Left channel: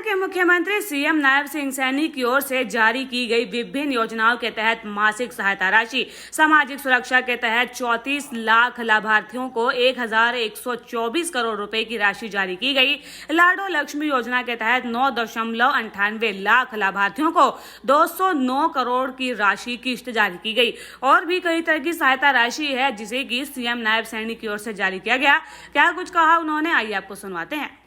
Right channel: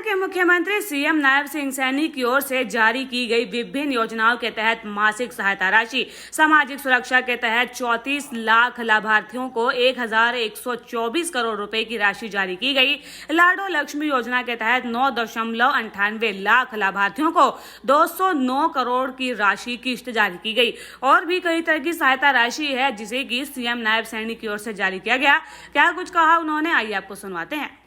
के मुख्यमंत्री सीएम नायब सिंह सैनी की ओर से जारी की गई विभिन्न योजनाओं के तहत मासिक सहायता राशि सामाजिक सुरक्षा के तहत 34 लाख लाभार्थियों को 1124 करोड़ रुपए की राशि जारी की गई। लाडो लक्ष्मी योजना के तहत 9.98 लाख लाभार्थियों को 209 करोड़ की राशि किस्त जारी की गई। और भी कई तरह की सहायता राशि है जिसे कि सीएम नायब सैनी की ओर से जारी किया गया। क्या कुछ कहा उन्होंने, आइए आपको सुनवाते हैं।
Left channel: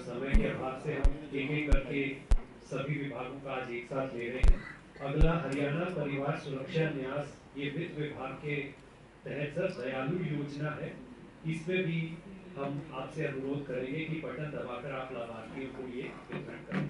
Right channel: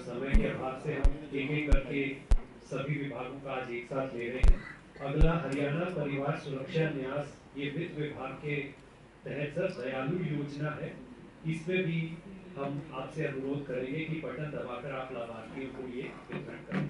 समय के अभाव से हम एक करके सभी विभागों का आज एक साथ ले रहे हैं। अगला हरियाणा परिवार सुरक्षा न्यास ये वित्त विभाग के तहत सर दयालु योजना है। इसमें भी हम आपसे अनुरोध करेंगे कि बटन दबाकर आप लाभार्थियों को ये वितरण करें।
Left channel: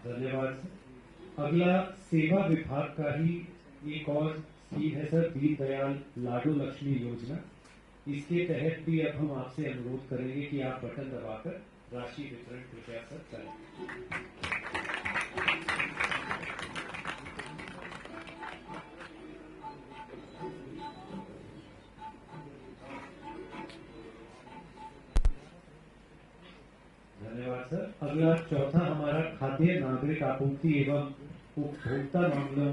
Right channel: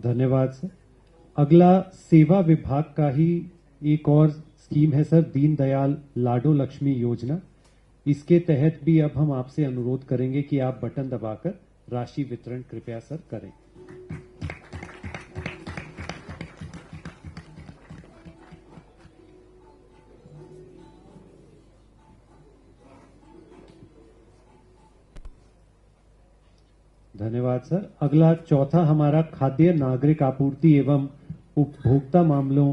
धन्यवाद सर। अगला सेवा विभाग का ही एक और स्कीम है सर, दीनदयाल लाडो लक्ष्मी योजना। इसके तहत भी अब हम आपसे अनुरोध करेंगे कि आप बटन दबाकर राशि वितरण कृपया सर करें। धन्यवाद सर। अगला चौथा हमारा खाद्य नागरिक आपूर्ति एवं उपभोक्ता मामलों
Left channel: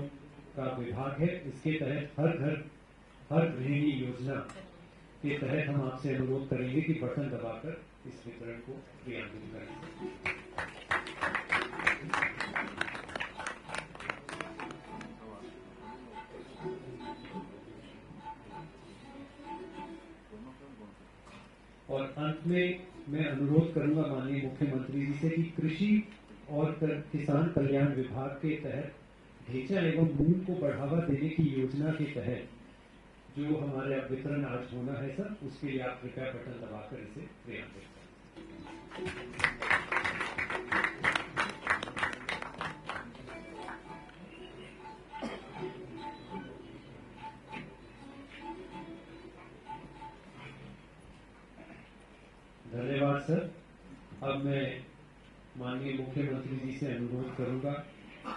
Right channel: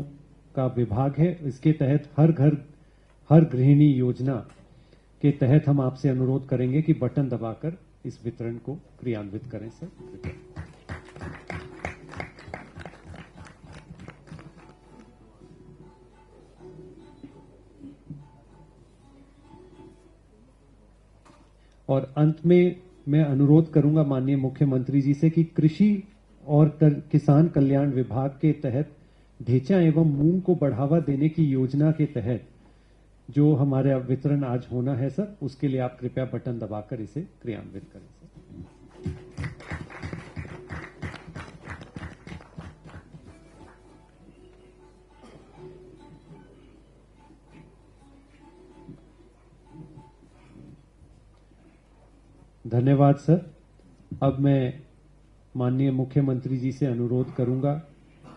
का विभाग है। इसके तहत हर घर हर गृहिणी योजना के तहत हम आपसे अनुरोध करेंगे कि बटन दबाकर इस वितरण को क्रियान्वित करें सर। और अंत में मैं अनुरोध करूंगा माननीय मुख्यमंत्री जी से कि कृषि और किसान कल्याण विभाग के तहत ढेंचा एवं मूंग को बढ़ावा देने की योजना के तहत जो हमारे वितरण आज होना है सर, उसके लिए आप कृपया बटन दबाकर इसे क्रियान्वित करें सर। धन्यवाद सर। अब मैं माननीय मुख्यमंत्री जी से अनुरोध करूंगा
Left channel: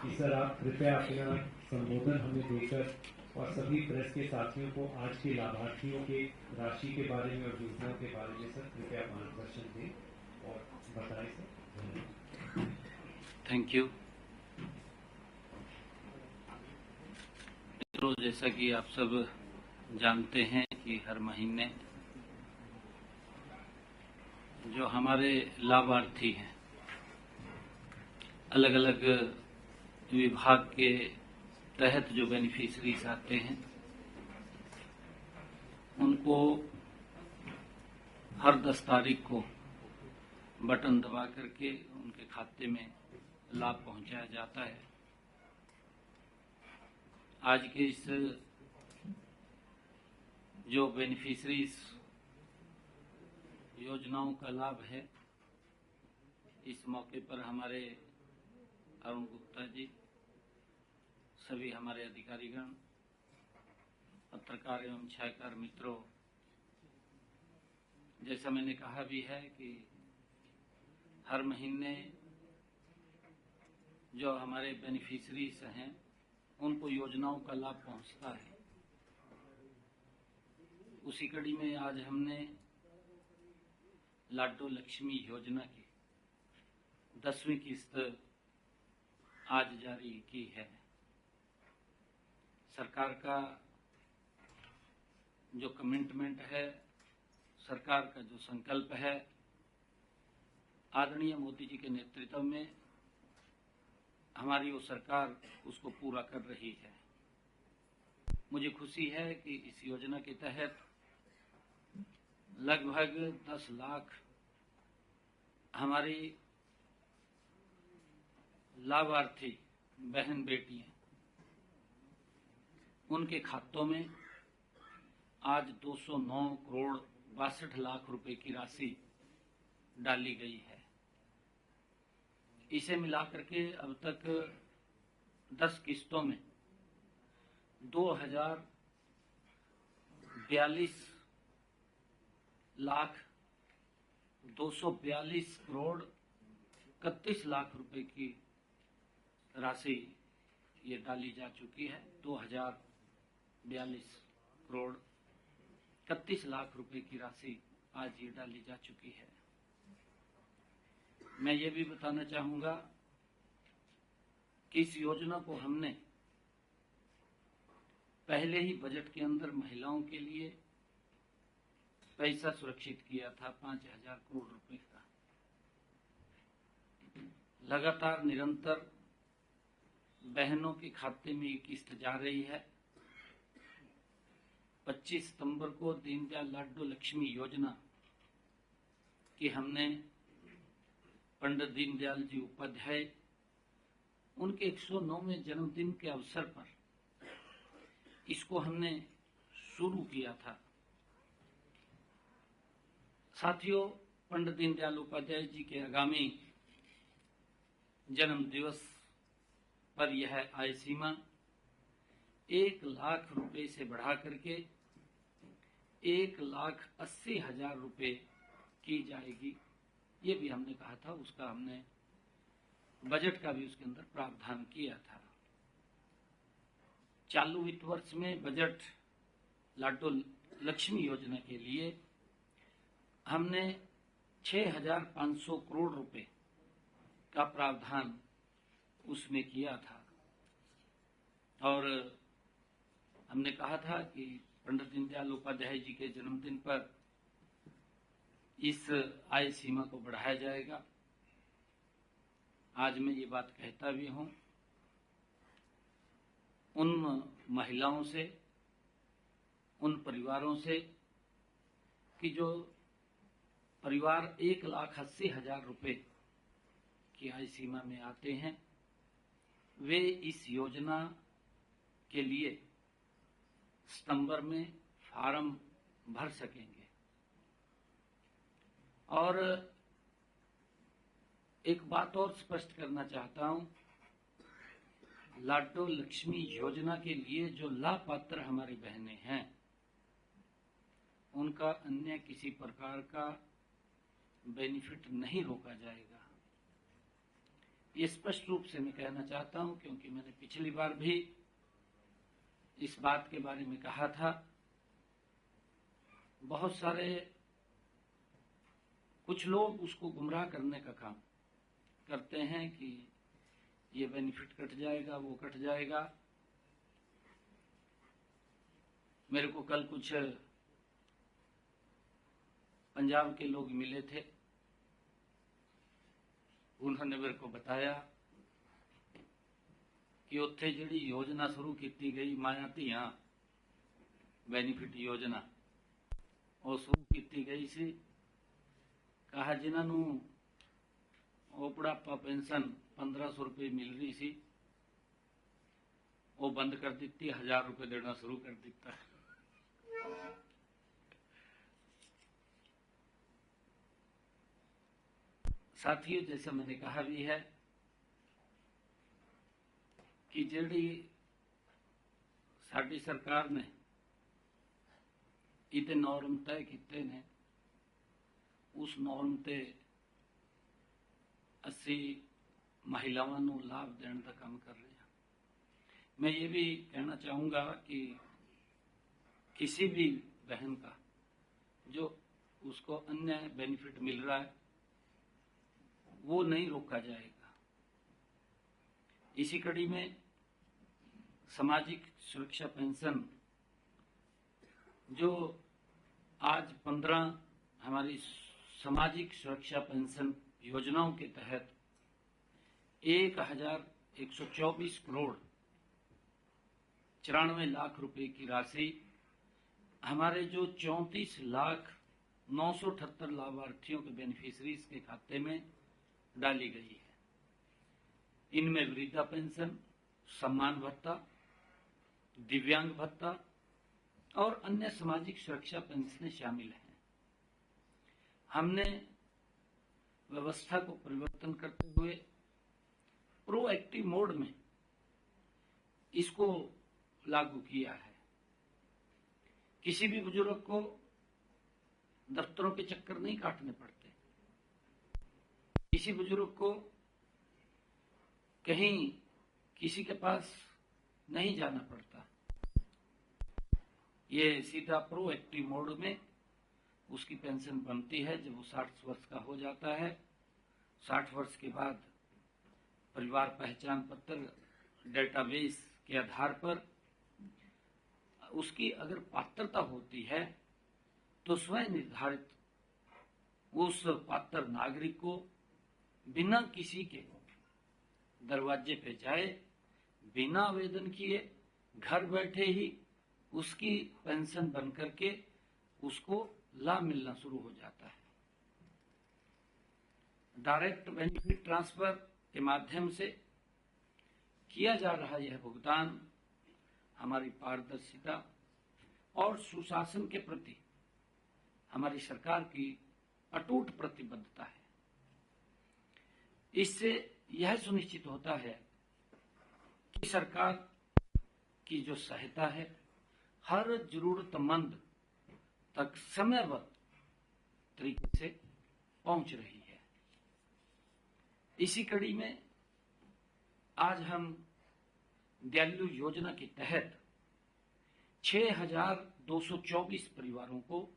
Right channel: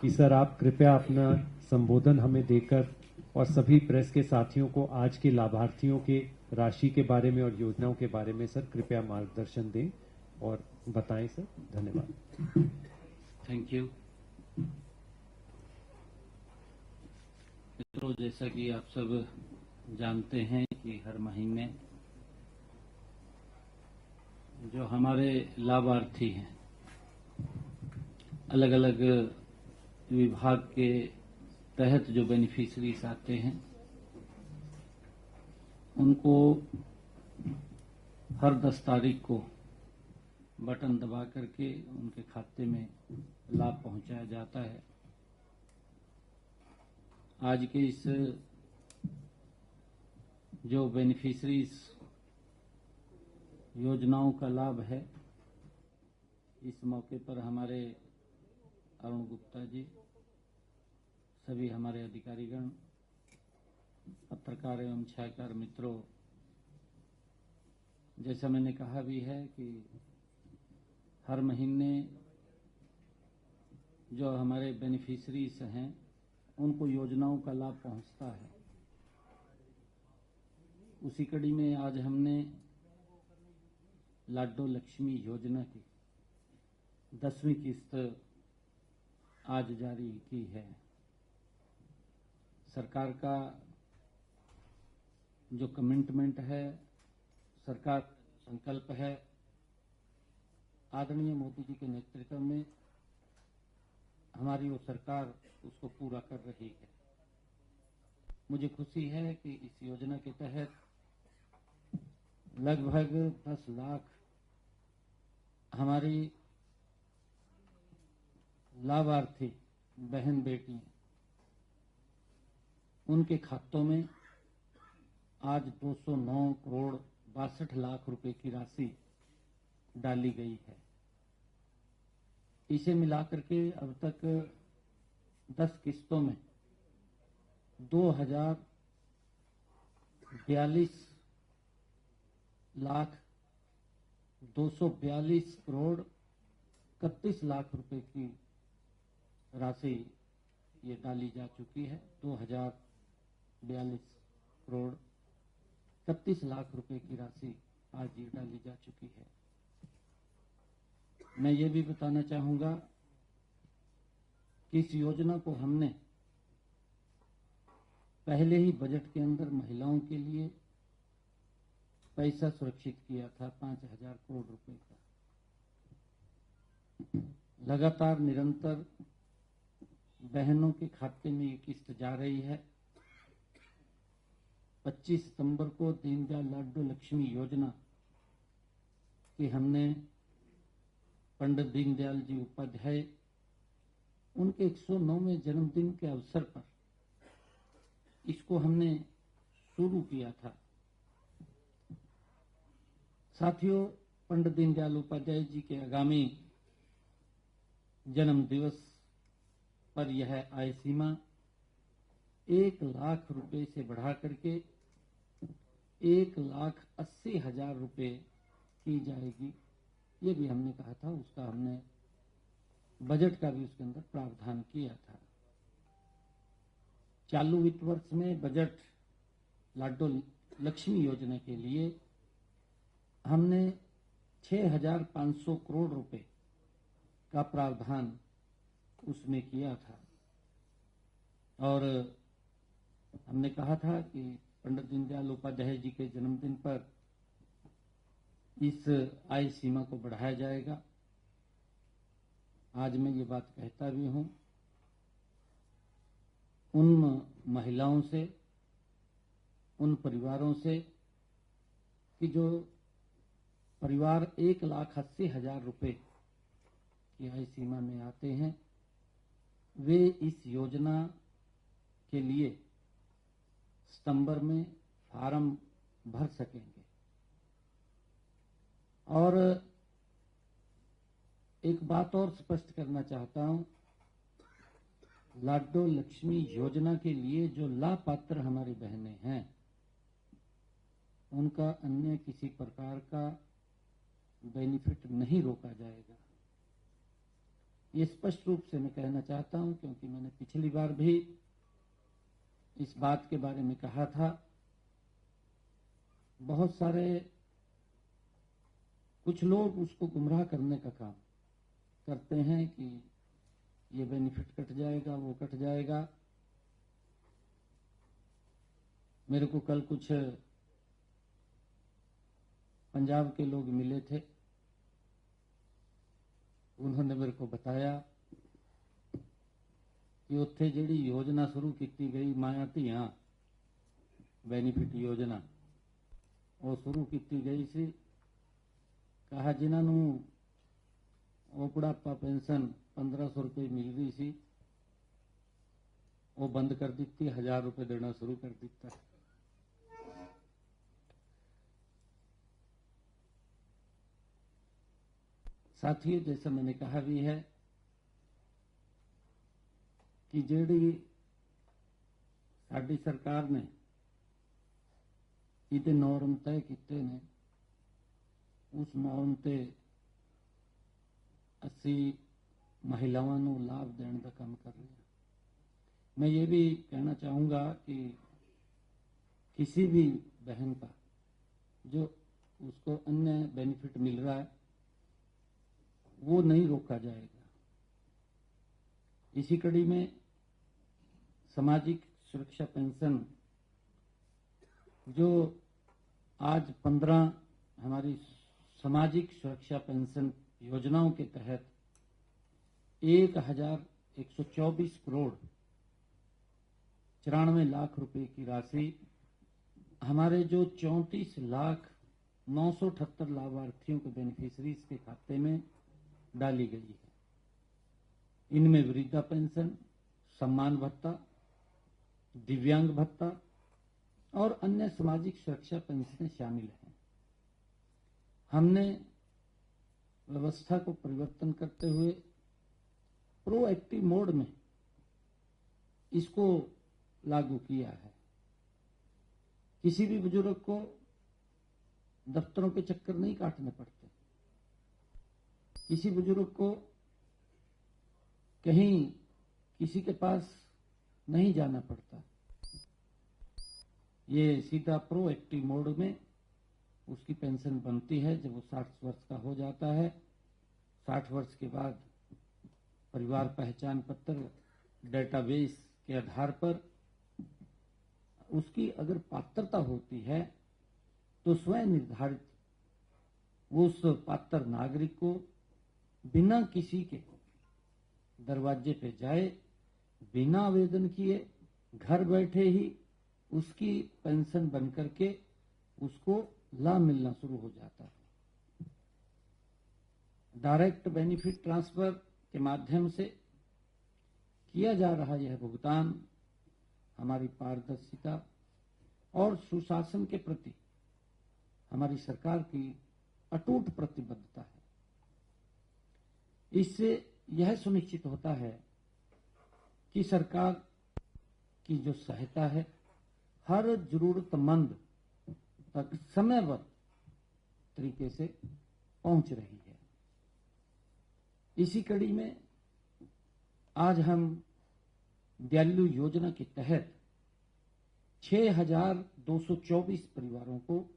कि सर आप कृपया अपना संबोधन हमें देकर और सभी प्रेस के साथियों को आज के लाभार्थियों के राशि के बारे में और योजनाओं के बारे में सर कृपया मार्गदर्शन दें और बताएं सर। धन्यवाद। Thank you. मित्रों, जैसा कि आप सब जानते हैं कि हर महीने जो हमारे लाभार्थी हैं अलग अलग विभाग के तहत जो बेनिफिशरीज आते हैं उनको हर 10 तारीख को बटन दबा करके उनके खाते में लाभ पहुंचाया जाता है। आज के इस जो बेनिफिशरीज योजनाओं का लाभ है, इस मौके पर हमारे अरुण गुप्ता जी, सभी हमारे अधिकारीगण, पत्रकार एवं छायाकार मित्रों, जैसा मैंने कहा भी है कि हर महीने जो हमारे बेनिफिशरीज हैं उनको योजनाओं का लाभ पहुंचता है। उसी कड़ी में आज हमने लाडो लक्ष्मी योजना की 10वीं किस्त आज जारी की है। सरकार का जो कमिटमेंट है, सरकार का जो संकल्प है, आदरणीय मोदी जी के नेतृत्व में हमारी वो सरकार उसको पूरा कर रही है। मुझे खुशी है कि इस योजना के तहत लगभग 10 लाख हमारी लाभार्थी बहन बेटियां, उनके खातों में आज 209 करोड़ 62 लाख रुपए की राशि डाली गई है। इसे मिलाकर के अब तक 10 किस्तों में 2,42,242,31 रुपए की राशि ये डाली जा चुकी है। 2,042,31 रुपए की राशि आज ये डाली जा चुकी है। मैं ये भी बताना चाहूंगा कि इस योजना को हमने पहले ही बजट के अंदर महिलाओं के लिए पैसा सुरक्षित किया था 5,000 करोड़ रुपए का। लगातार निरंतर बहनों के खाते में ये किस्त जा रही है। 25 सितंबर को दीनदयाल लाडो लक्ष्मी योजना की हमने पंडित दीनदयाल जी उपाध्याय उनके 109वें जन्मदिन के अवसर पर इसको हमने शुरू किया था। साथियों, पंडित दीनदयाल उपाध्याय जी के आगामी जन्म दिवस पर यह आय सीमा 1,00,000 रुपए से बढ़ा करके 1,80,000 रुपए की जाएगी। ये भी हमने कहा था, उसका हमने बजट का भी उसके अंदर प्रावधान किया था। चालू वित्त वर्ष में बजट लाडो लक्ष्मी योजना के लिए हमने 6,500 करोड़ रुपए का प्रावधान उसमें किया था और हमने कहा था कि पंडित दीनदयाल उपाध्याय जी के जन्मदिन पर इस आय सीमा को बढ़ाया जाएगा। आज मैं ये बात कहता भी हूं उन महिलाओं से, उन परिवारों से कि जो परिवार 1,80,000 रुपए की आय सीमा में आते हैं, वे इस योजना के लिए सितंबर में फार्म भर सकेंगे। और एक बात और स्पष्ट करना चाहता हूं, लाडो लक्ष्मी योजना के लिए जो लाभपात्र हमारी बहनें हैं, उनका अन्य किसी प्रकार का बेनिफिट नहीं रोका जाएगा। ये स्पष्ट रूप से मैं कहना चाहता हूं, क्योंकि मैंने पिछली बार भी इस बात के बारे में कहा था। बहुत सारे कुछ लोग उसको गुमराह करने का काम करते हैं कि ये बेनिफिट कट जाएगा, वो कट जाएगा। मेरे को कल कुछ पंजाब के लोग मिले थे, उन्होंने मेरे को बताया कि उत्थे जिहड़ी योजना शुरू की गई माया धियां बेनीफिट योजना वो शुरू की गई सी। कहा जिन्होंने वो बुढ़ापा पेंशन 1,500 रुपये मिल रही सी, वो बंद कर दी, 1,000 रुपये देना शुरू कर दिता। साथियों, जैसा मैंने कहा भी है कि जिहड़ी साडी सरकार ने इहदे नॉर्म तय कीते ने, उस नॉर्म ते असी महिलावां नूं लाभ देने का काम कर रहे हैं। मैं ये भी कहना चाहूँगा कि किसी भी बहन का जो उसको अन्य बेनिफिट मिल रहा है वो नहीं रोका जाएगा। इसी कड़ी में सामाजिक सुरक्षा पेंशन जो आज 15 हमारी सामाजिक सुरक्षा पेंशन योजनाओं के तहत 1,124 करोड़ 94 लाख रुपए की राशि हमारे जो 34,978 लाभार्थियों के बेनिफिशरीज के खाते में डाली गई है। इनमें वृद्धा पेंशन, सम्मान भत्ता, दिव्यांग भत्ता और अन्य सामाजिक सुरक्षा पेंशनें शामिल हैं। हमने व्यवस्था को परिवर्तन करते हुए प्रोएक्टिव मोड में इसको लागू किया है। किसी भी बुजुर्ग को दफ्तरों के चक्कर नहीं काटने पड़ते, किसी बुजुर्ग को कहीं किसी के पास नहीं जाना पड़ता। ये सीधा प्रोएक्टिव मोड में उसकी पेंशन बनती है जब वो 60 वर्ष का हो जाता है। 60 वर्ष के बाद परिवार पहचान पत्र डेटाबेस के आधार पर उसकी अगर पात्रता होती है तो स्वयं निर्धारित उस पात्र नागरिक को बिना किसी के दरवाजे पे जाए, बिना आवेदन किए, घर बैठे ही उसकी पेंशन बन करके उसको लाभ मिलना शुरू हो जाता है। डायरेक्ट बेनिफिट ट्रांसफर के माध्यम से किया जा रहा यह भुगतान हमारी पारदर्शिता और सुशासन के प्रति हमारी सरकार की अटूट प्रतिबद्धता है। इससे यह सुनिश्चित होता है कि सरकार की जो सहायता है हर जरूरतमंद तक समयबद्ध तरीके से पहुंच रही है। इसी कड़ी में आज हम दयालु योजना के तहत 6,224 परिवारों को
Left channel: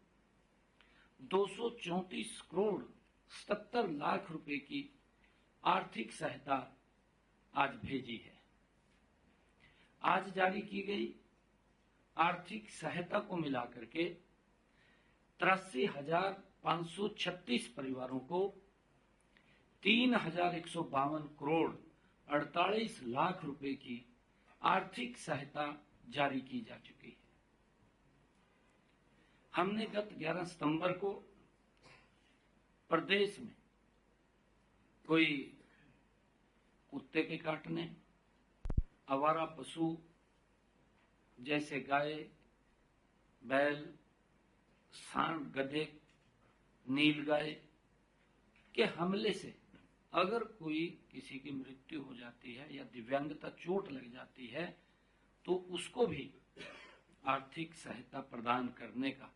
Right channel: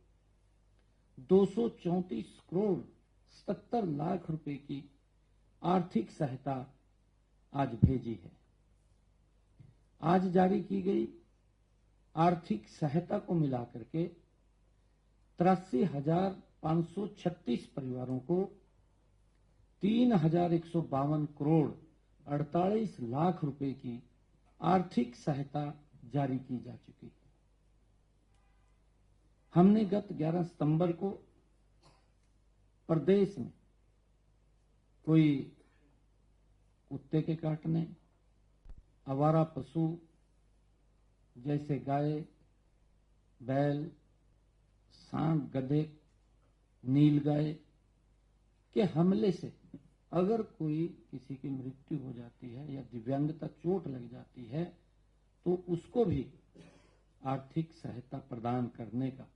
234 करोड़ 77 लाख रुपए की आर्थिक सहायता आज भेजी है। आज जारी की गई आर्थिक सहायता को मिलाकर के 83,536 परिवारों को 3,152 करोड़ 48 लाख रुपए की आर्थिक सहायता जारी की जा चुकी है। हमने गत 11 सितंबर को प्रदेश में कोई कुत्ते के काटने, आवारा पशु जैसे गाय, बैल, सांड, गधे, नीलगाय के हमले से अगर कोई किसी की मृत्यु हो जाती है या दिव्यांगता चोट लग जाती है तो उसको भी आर्थिक सहायता प्रदान करने का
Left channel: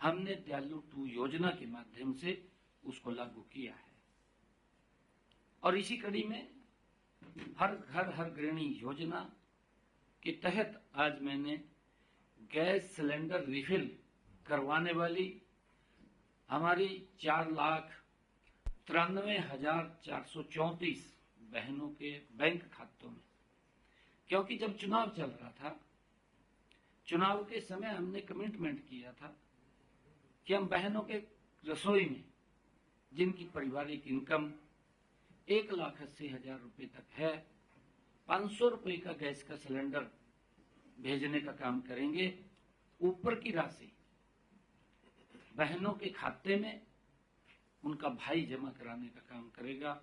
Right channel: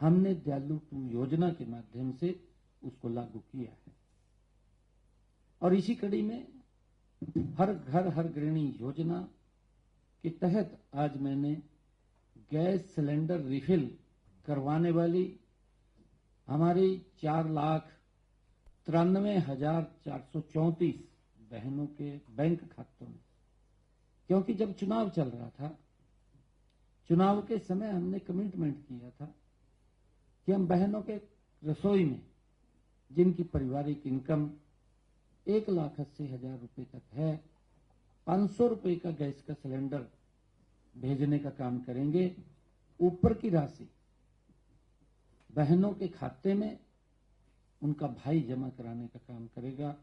हमने दयालु 2 योजना के माध्यम से उसको लागू किया है। और इसी कड़ी में हर घर हर गृहिणी योजना के तहत आज मैंने गैस सिलेंडर रिफिल करवाने वाली हमारी 4,93,434 बहनों के बैंक खातों में, क्योंकि जब चुनाव चल रहा था, चुनाव के समय हमने कमिटमेंट किया था कि हम बहनों के रसोई में जिनकी पारिवारिक इनकम 1,80,000 रुपए तक है 500 रुपए का गैस का सिलेंडर भेजने का काम करेंगे। ऊपर की राशि बहनों के खाते में उनका भाई जमा कराने का काम करेगा।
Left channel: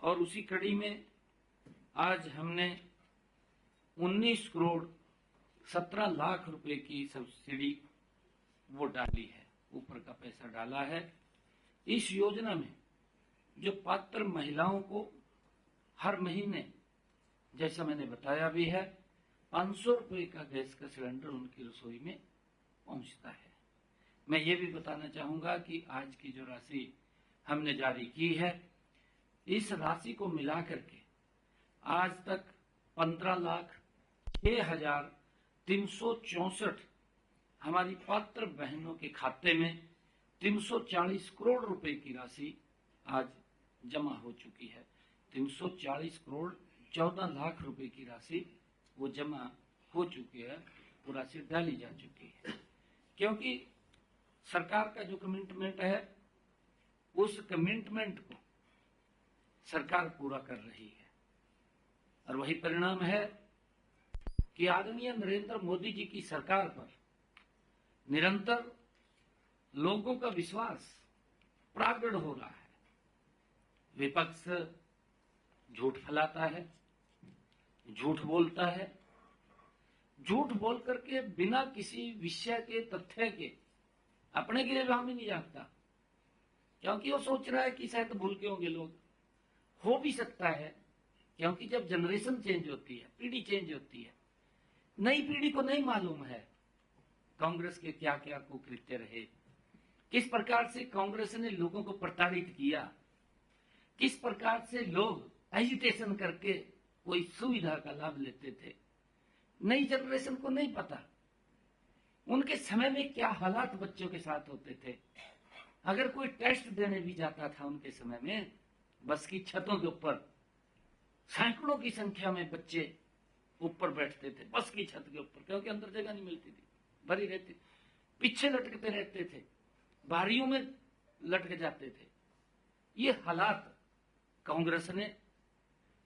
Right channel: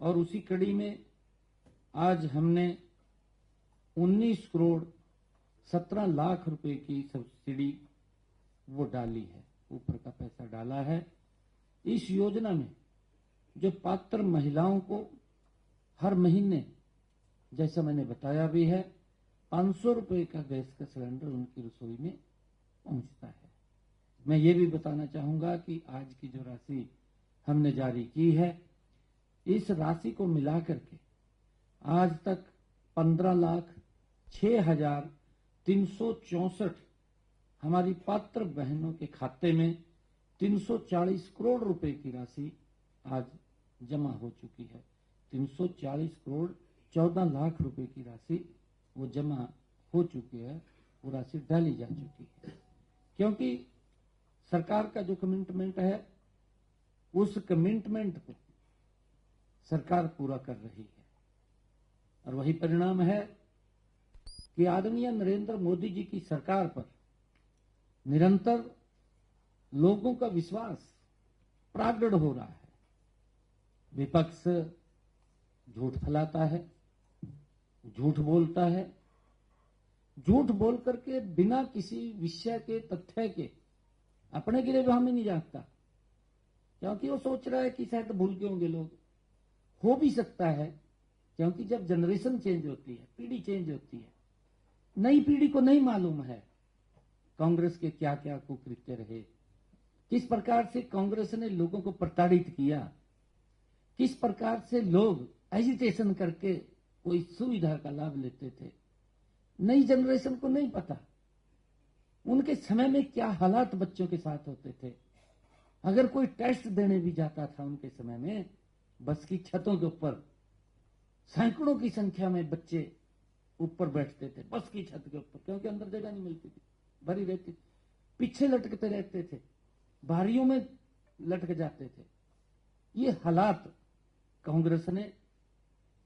और उसी कड़ी में आज हमने 19 करोड़ 17 लाख रुपए की सब्सिडी वो डाली है, ऊपर का पैसा डाला है। इस योजना में जो पात्र महिलाओं को हर महीने, जैसा मैंने बताया भी है, 500 रुपए का गैस का सिलेंडर उनकी रसोई में पहुंचता है। मैं ये भी बताना चाहूंगा कि आज की जो राशि हमने जारी की है, इस राशि को मिलाकर के आज तक 15,06,364 हमारी पात्र बहनों के खाते में 340 करोड़ रुपए की राशि आज जमा हो चुकी है। 340 करोड़ 14 लाख रुपए की राशि वो जमा हो चुकी है, वो राशि डाली जा चुकी है। क्योंकि सरकार का जो कमिटमेंट है, उस कमिटमेंट को सरकार पूरा कर रही है। और वही परिणाम है कि आदरणीय नरेंद्र मोदी जी की सरकार पर निरंतर लोगों का विश्वास प्रगाढ़ हो रहा है। विपक्ष झूठ फैलाता है, झूठ बोलता है, झूठ बोल करके बिना किसी विषय के, तथ्य के अपने के लिए हम ही नहीं जानता, क्योंकि वो सोच रहा है कि शायद भूल के होंगे लोग। हो भी सकता है क्योंकि जब जनरेशन चेंज होती है, पीढ़ी चेंज होती है, नई पीढ़ी को नहीं मालूम है कांग्रेस के क्या क्या कुकृत्य रहे, किस प्रकार से कांग्रेस ने लोगों को प्रताड़ित किया, किस प्रकार से लोग एजिटेशन करके कोई सुविधा का लाभ लेते थे। नई जनरेशन को नहीं पता उनके समय में क्या हालात बच्चों के साथ होते थे। अगर कोई टेस्ट देने भी जाता था उनके समय में, बस की छतों के ऊपर सैकड़ों की संख्या में बच्चे ऊपर बैठते थे, बस की छत के ऊपर, क्योंकि अंदर जगह नहीं मिलती थी, भरी रहती, पीछे लटकते रहते थे, बारियों में लटक जाते थे। ये हालात कांग्रेस ने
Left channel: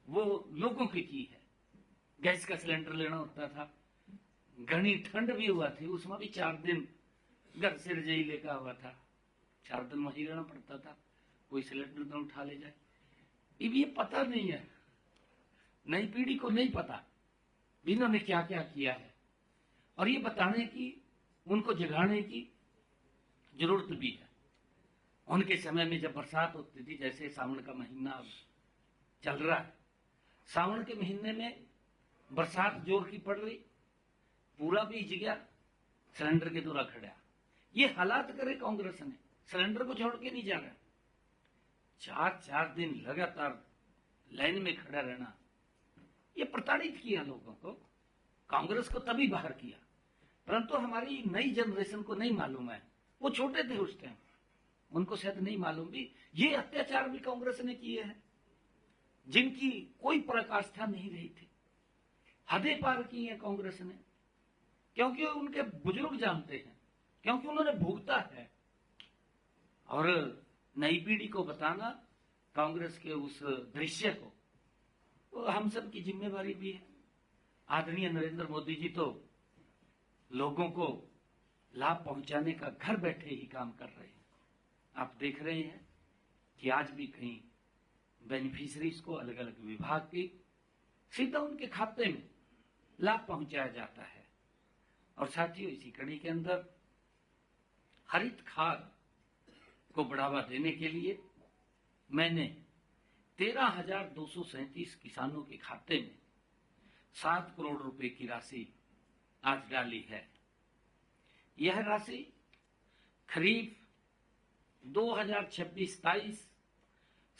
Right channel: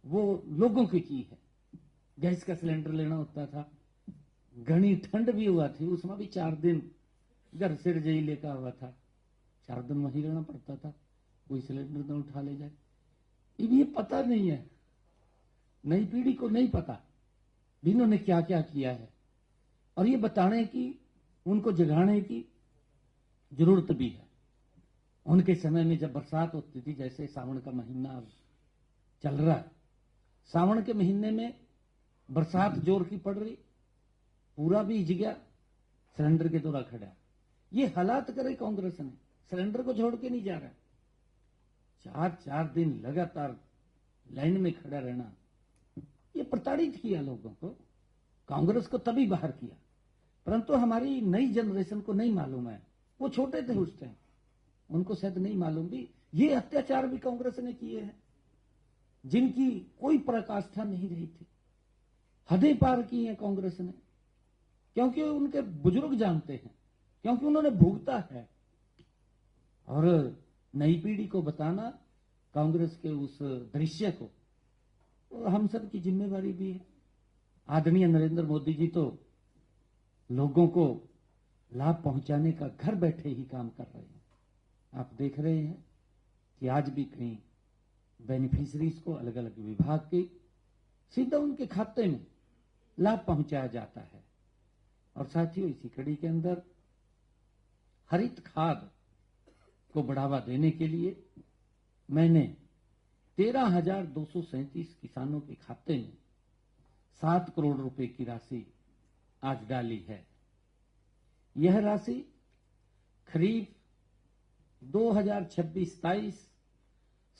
वो लोगों की है। गैस का सिलेंडर लेना होता था, घनी ठंड भी हुआ थी, उसमें भी 4 दिन घर से रजाई लेकर हुआ था, 4 दिन वहीं रहना पड़ता था, कोई सिलेंडर तो उठा ले जाए। ये पता नहीं है, नई पीढ़ी को नहीं पता इन्होंने क्या क्या किया है, और ये बताने की, उनको जगाने की जरूरत भी है। उनके समय में जब बरसात होती थी, जैसे सावन का महीना अब चल रहा है, सावन के महीने में बरसात जोर की पड़ रही, पूरा भीज गया, सिलेंडर के द्वारा खड़ा। ये हालात करे कांग्रेस ने, सिलेंडर को छोड़ के नहीं जा रहा, 4-4 दिन लगातार लाइन में खड़ा रहना, ये प्रताड़ित किया लोगों को। कांग्रेस को तभी बाहर किया, परंतु हमारी नई जनरेशन को नहीं मालूम है, वो छोटे थे उस टाइम, उनको शायद नहीं मालूम भी ये अत्याचार भी कांग्रेस ने किए हैं, जिनकी कोई पराकाष्ठा नहीं रही थी, हदें पार की हैं कांग्रेस ने, क्योंकि उनके बुजुर्ग जानते हैं, क्योंकि उन्होंने भुगता है। और नई पीढ़ी को बताना कांग्रेस के उस दृश्य को, तो हम सब की जिम्मेवारी भी है। आदरणीय नरेंद्र मोदी जी तो लोगों को लाभ पहुंचाने का घर बैठे ही काम कर रहे हैं। आप देख रहे हैं कि आज भी कहीं बेनिफिशरीज को अलग अलग विभाग के सीधा उनके खाते में लाभ पहुंचाया जाता है। और साथियों, इसी कड़ी के अंदर हरित खाद को बढ़ावा देने के लिए मैंने 13,237 किसानों के खाते में 7 करोड़ रुपए की राशि आज डाली है। यह राशि खरीफ 2026-27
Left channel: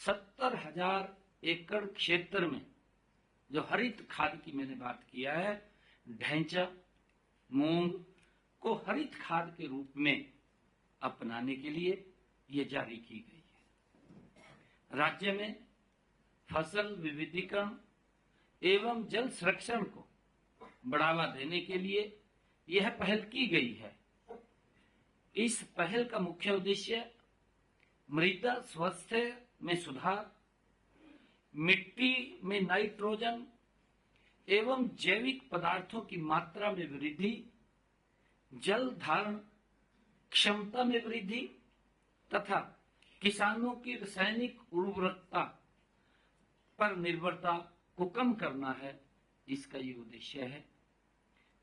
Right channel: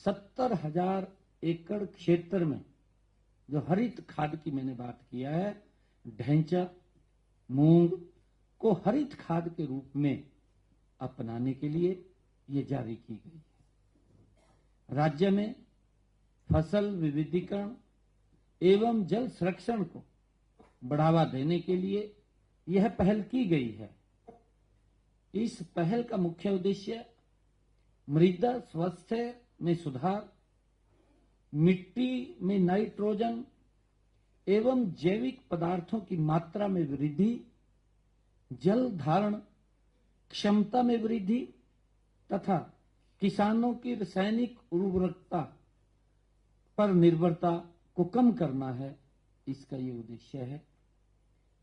70,000 एकड़ क्षेत्र में जो हरित खाद की मैंने बात किया है, ढैंचा, मूंग को हरित खाद के रूप में अपनाने के लिए ये जारी की गई है। राज्य में फसल विविधीकरण एवं जल संरक्षण को बढ़ावा देने के लिए यह पहल की गई है। इस पहल का मुख्य उद्देश्य मृदा स्वास्थ्य में सुधार, मिट्टी में नाइट्रोजन एवं जैविक पदार्थों की मात्रा में वृद्धि, जल धारण क्षमता में वृद्धि तथा किसानों की रासायनिक उर्वरकता पर निर्भरता को कम करना है। इसका ये उद्देश्य है।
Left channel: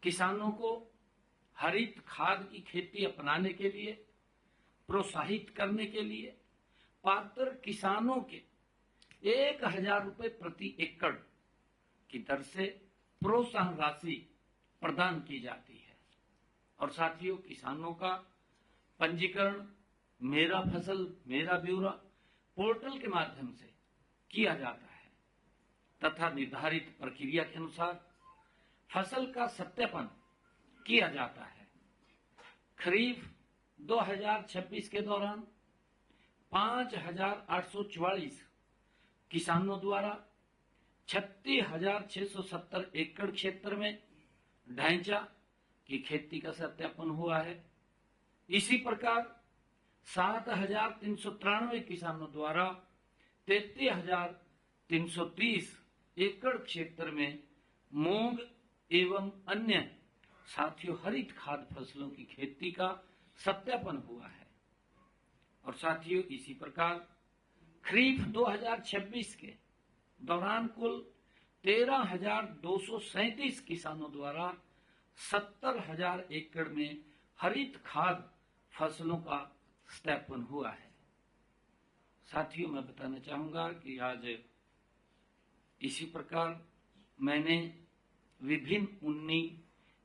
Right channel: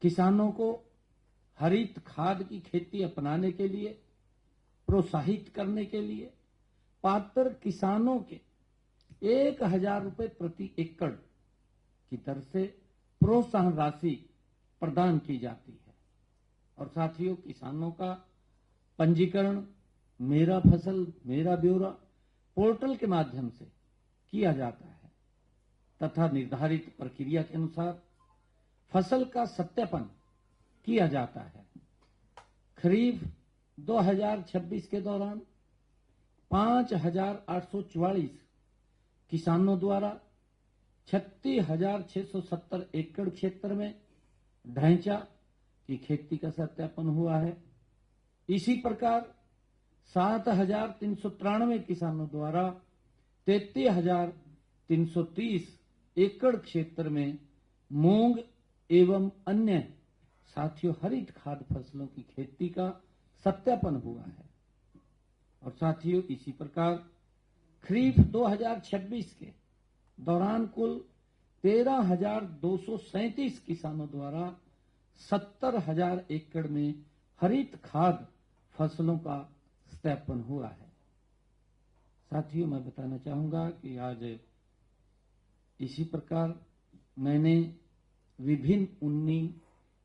किसानों को हरित खाद की खेती अपनाने के लिए प्रोत्साहित करने के लिए पात्र किसानों के 1,000 रुपए प्रति एकड़ की दर से प्रोत्साहन राशि प्रदान की जाती है। और साथियों, किसानों का पंजीकरण मेरा फसल मेरा ब्यौरा पोर्टल के माध्यम से किया जाता है तथा निर्धारित प्रक्रिया के अनुसार फसल का सत्यापन किया जाता है। खरीफ 2026 के दौरान 5,844 किसानों द्वारा 36,670 एकड़ क्षेत्र में ढैंचा की खेती का सत्यापन हुआ है। इसी प्रकार 7,393 किसानों द्वारा 33,330 एकड़ क्षेत्र में मूंग एवं अन्य साथियों हरित खाद फसलों की खेती का सत्यापन हुआ है। और साथियों, इसी प्रकार खरीफ 2026 के दौरान कुल 13,237 किसानों द्वारा 70,000 एकड़ में हरित खाद फसलों का सत्यापन हुआ है। साथियों, मैं बताना चाहूंगा कि आज इसी प्रकार मैंने विभिन्न 19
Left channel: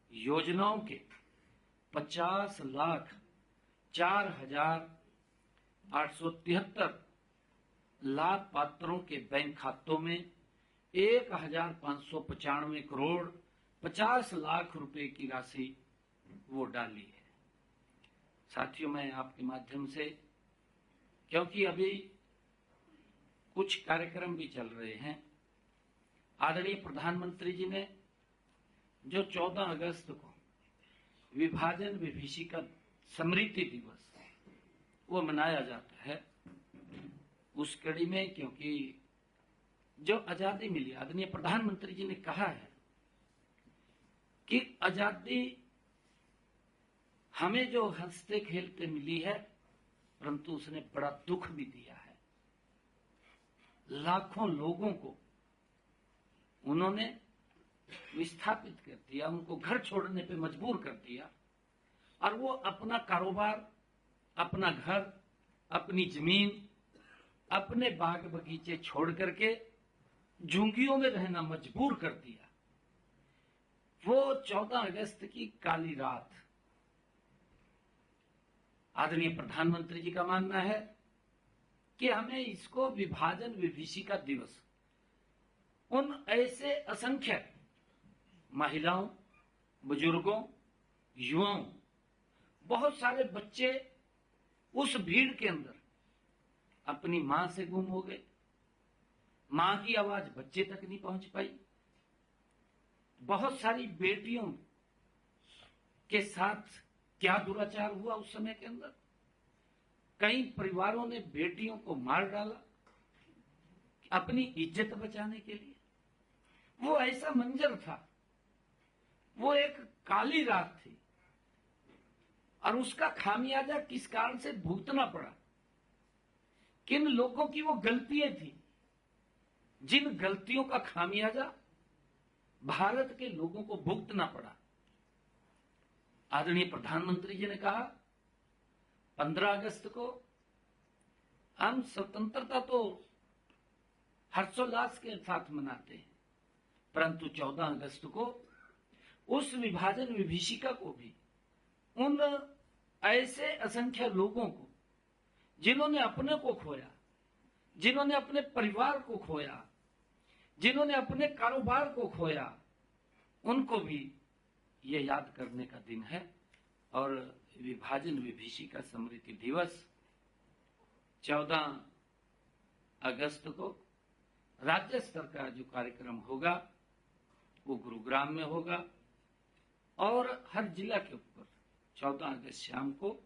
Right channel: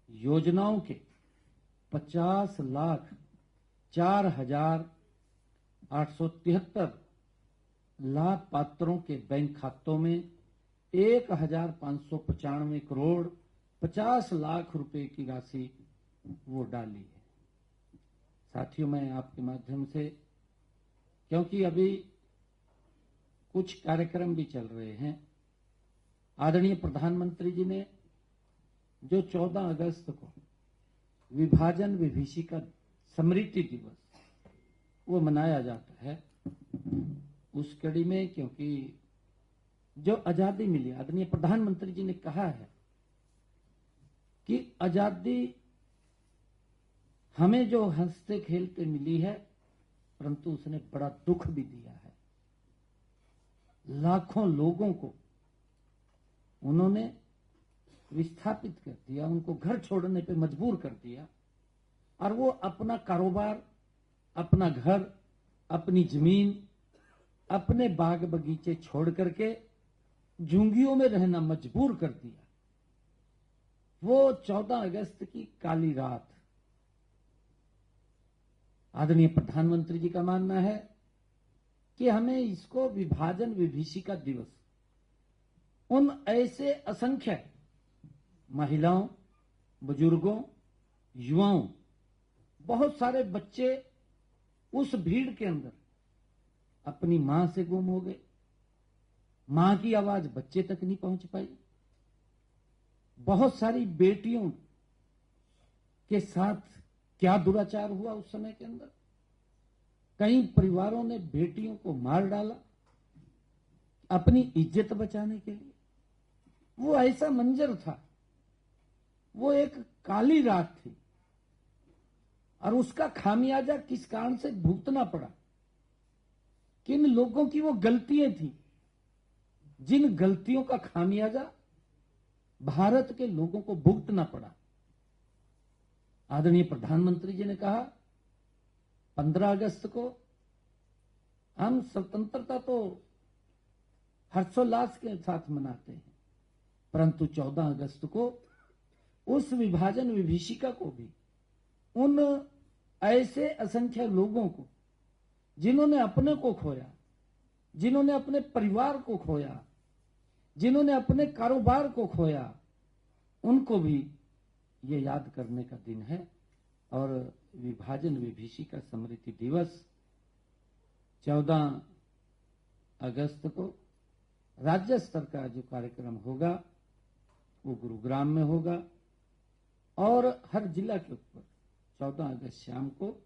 योजनाओं के 50,04,873 लाभ पात्रों के बैंक खातों में 1,595 करोड़ 50 लाख रुपए की राशि वो डाली है। साथियों, मैं आपके माध्यम से, क्योंकि अभी कुछ कार्यक्रम भी चल रहे हैं, आदरणीय प्रधानमंत्री जी ने जो 14 अगस्त को विभाजन विभीषिका स्मृति दिवस वो मनाया जाता है, उस कड़ी में, क्योंकि जो आजादी मिली, आदरणीय प्रधानमंत्री जी ने कहा है कि आजादी हमें जो हंसते खेलते मिली है, परंतु उसने बड़ा दुख भी दिया है। लाखों लोगों को उन्होंने विस्थापित कर दिया, उनको घर छोड़ने पे मजबूर कर दिया, और वो अपना कारोबार, अपना घर, अपनी जमीन, अपने बाग बगीचे छोड़ करके झुंगियों में रहना मजबूर कर दिया। वो 14 अगस्त की काली रात, आदरणीय प्रधानमंत्री जी का मानना है कि हमें इसको विभाजन विभीषिका दिवस उन ऐसे असंख्य महिलाओं, बुजुर्गों, युवाओं, बहुत सारे बच्चे उस भीड़ के अंदर अपनी मां से गुम हो गए, मां की आवाज बच्चे तक नहीं पहुंच पाई, बहुत सारी बेटियों के साथ क्या दुराचार हुआ उस समय के अंदर। कई परिवारों ने बेटियों को मार डाला अपनी इज्जत बचाने के लिए। वो ऐसा मंजर था, वो एक काली रात थी, और उसका खामियाजा किस कारण से भुगतना पड़ा, किन लोगों की वो गलतियां थी, जिन गलतियों का खामियाजा भारत के लोगों को भुगतना पड़ा। आदरणीय प्रधानमंत्री जी ने कहा 15 अगस्त को हम स्वतंत्रता तो हर्षोल्लास के साथ मनाते हैं, परंतु 14 अगस्त को उस विभाजन विभीषिका को भी उन ऐसे असंख्य लोगों को जिन्होंने अपने को खोया, जिन्होंने अपने परिवार को खोया, जिन्होंने अपने कारोबार को खोया, उनको भी ये याद करने का दिन है। और विभाजन विभीषिका स्मृति दिवस 14 अगस्त को राज्य स्तर का जो कार्यक्रम होगा वो गुरुग्राम में होगा, और हर जिला के ऊपर 14 अगस्त शाम को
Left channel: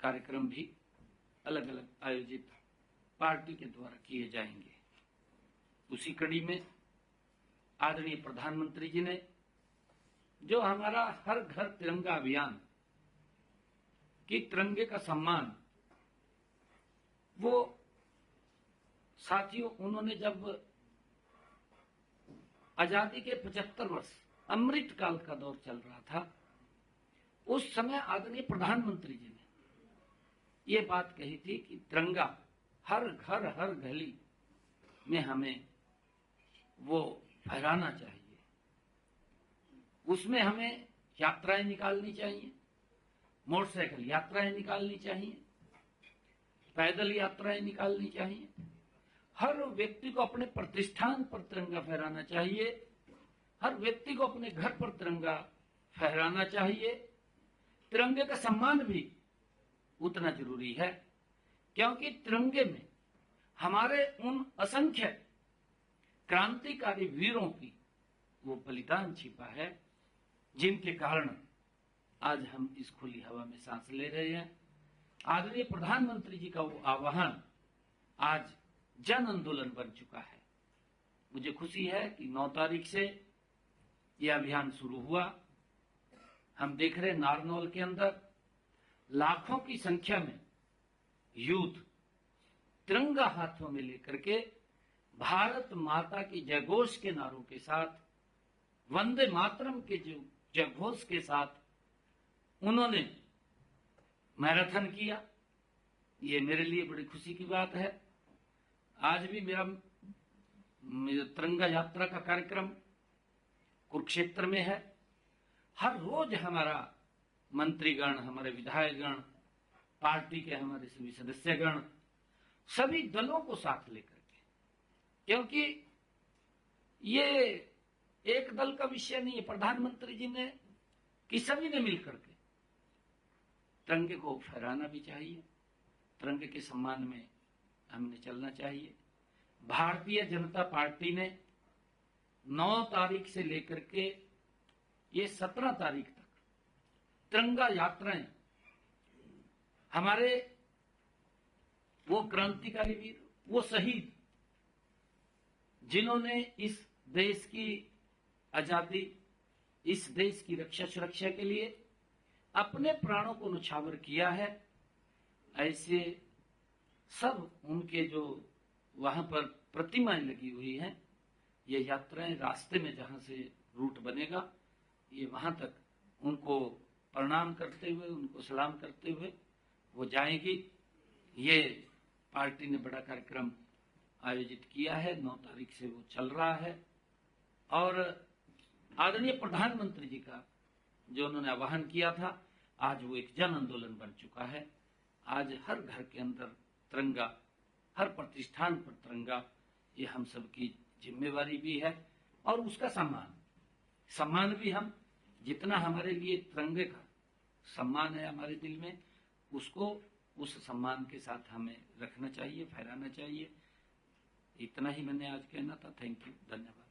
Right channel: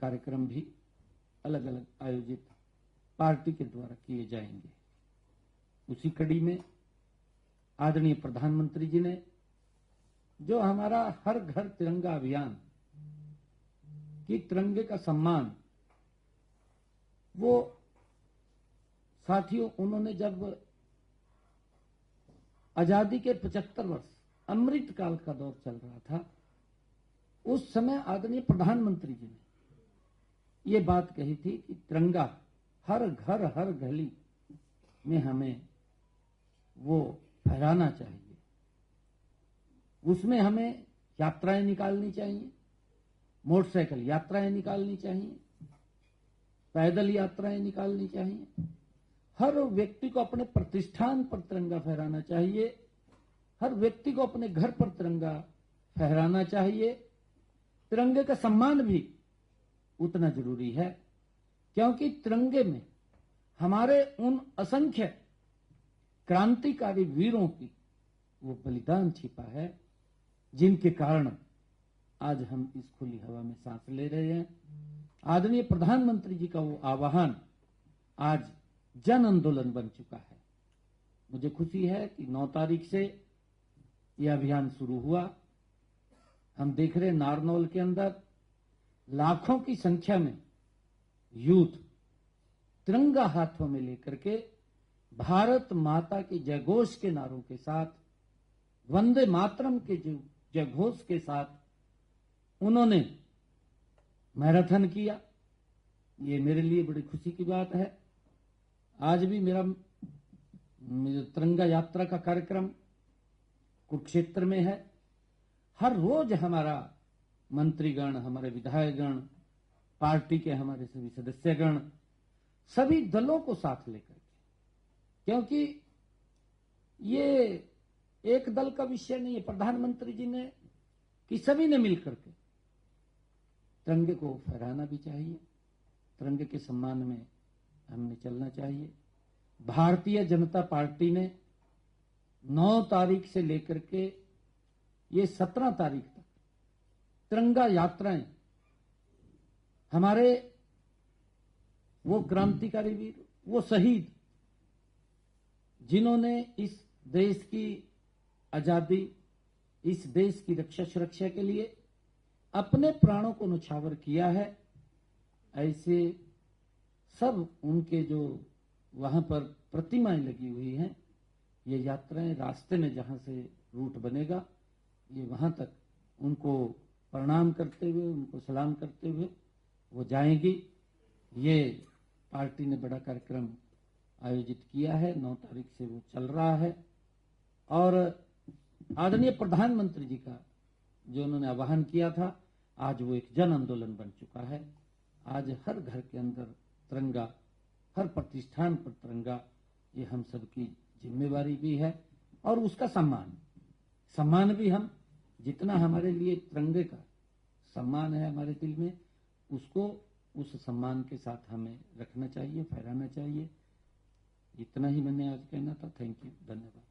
कार्यक्रम भी अलग अलग आयोजित पार्टी के द्वारा किए जाएंगे। उसी कड़ी में आदरणीय प्रधानमंत्री जी ने जो हमारा हर घर तिरंगा अभियान की तिरंगे का सम्मान, वो साथियों उन्होंने जब आजादी के 75 वर्ष अमृत काल का दौर चल रहा था, उस समय आदरणीय प्रधानमंत्री जी ने ये बात कही थी कि तिरंगा हर घर हर गली में हमें वो फहराना चाहिए, उसमें हमें यात्राएं निकालनी चाहिए, मोटरसाइकिल यात्राएं निकालनी चाहिए, पैदल यात्राएं निकालनी चाहिए, हर व्यक्ति को अपने प्रतिष्ठान पर तिरंगा फहराना चाहिए, हर व्यक्ति को अपने घर पर तिरंगा फहराना चाहिए। तिरंगे का सम्मान भी उतना जरूरी है, क्योंकि तिरंगे में हमारे उन असंख्य क्रांतिकारी वीरों की वो बलिदान छिपा है, जिनके कारण आज हम इस खुली हवा में सांस ले रहे हैं। आदरणीय प्रधानमंत्री जी का वो आह्वान आज जन आंदोलन बन चुका है। मुझे खुशी है कि 9 तारीख से यह अभियान शुरू हुआ। हम देख रहे नारनौल के अंदर लाखों की संख्या में यूथ तिरंगा हाथों में लेकर के भारत माता की जयघोष के नारों के साथ, वंदे मातरम के जो जयघोष के साथ उन्होंने मैराथन किया। ये मेरे लिए बड़ी खुशी की बात है। आज भी मेरा तिरंगा यात्रा का कार्यक्रम कुरुक्षेत्र में है। हर रोज हमारा मंत्रीगण, हमारे विधायकगण, पार्टी के हमारे सभी सदस्यगण, सभी दलों को साथ लेकर के, क्योंकि ये एक दल का विषय नहीं है। प्रधानमंत्री जी ने कि सभी ने मिलकर के तिरंगे को फहराना भी चाहिए, तिरंगे के सम्मान में हमने चलना चाहिए। भारतीय जनता पार्टी ने 9 तारीख से लेकर के ये 17 तारीख तक तिरंगा यात्राएं, हमारे वो क्रांतिकारी वीर, वो शहीद जिन्होंने इस देश की आजादी, इस देश की रक्षा सुरक्षा के लिए अपने प्राणों को न्यौछावर किया है, ऐसे सब उनके जो वहां पर प्रतिमाएं लगी हुई हैं, ये यात्राएं रास्ते में जहां से रूट बनेगा, ये वहां तक उनको प्रणाम करते हुए, उनको सलाम करते हुए वो जाएंगी। ये पार्टी ने बड़ा कार्यक्रम आयोजित किया है, 9 तारीख से वो चल रहा है। और आदरणीय प्रधानमंत्री जी का जो उन्होंने आह्वान किया था, आज वो एक जन आंदोलन बन चुका है। आज हर घर के अंदर तिरंगा, हर प्रतिष्ठान पर तिरंगा, ये हम सबकी जिम्मेवारी भी है। और उसका सम्मान भी हम, जितना हमारे लिए तिरंगे का सम्मान है हमारे दिल में, उसको उस सम्मान के साथ हमें रखना चाहिए, फहराना चाहिए। इतना ही मैंने आज कहना था। थैंक यू, धन्यवाद।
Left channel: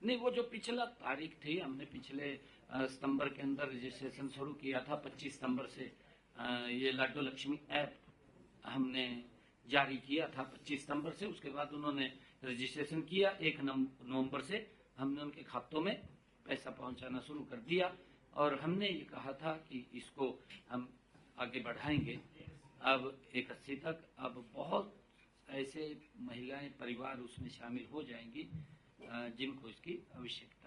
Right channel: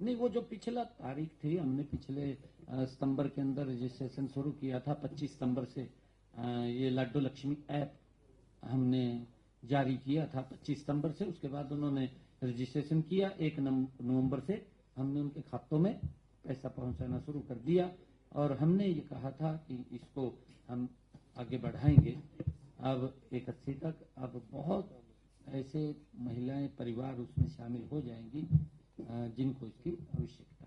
नहीं, वो जो पिछला तारीख थी, हमने पिछले सितंबर के अंदर रजिस्ट्रेशन शुरू किया था। 25 सितंबर से ये लाडो लक्ष्मी ऐप हमने जारी किया था 25 सितंबर से। उसके बाद उन्होंने रजिस्ट्रेशन किया। 1 नवंबर से हमने उनके खातों में पैसा पहुंचाना शुरू कर दिया और हमने ये कहा था कि इसको हम आगे बढ़ाएंगे। अब 81 तक अब बहुत ऐसे महिलाएं, परिवार उसमें शामिल हो जाएंगी जिनको इसकी आवश्यकता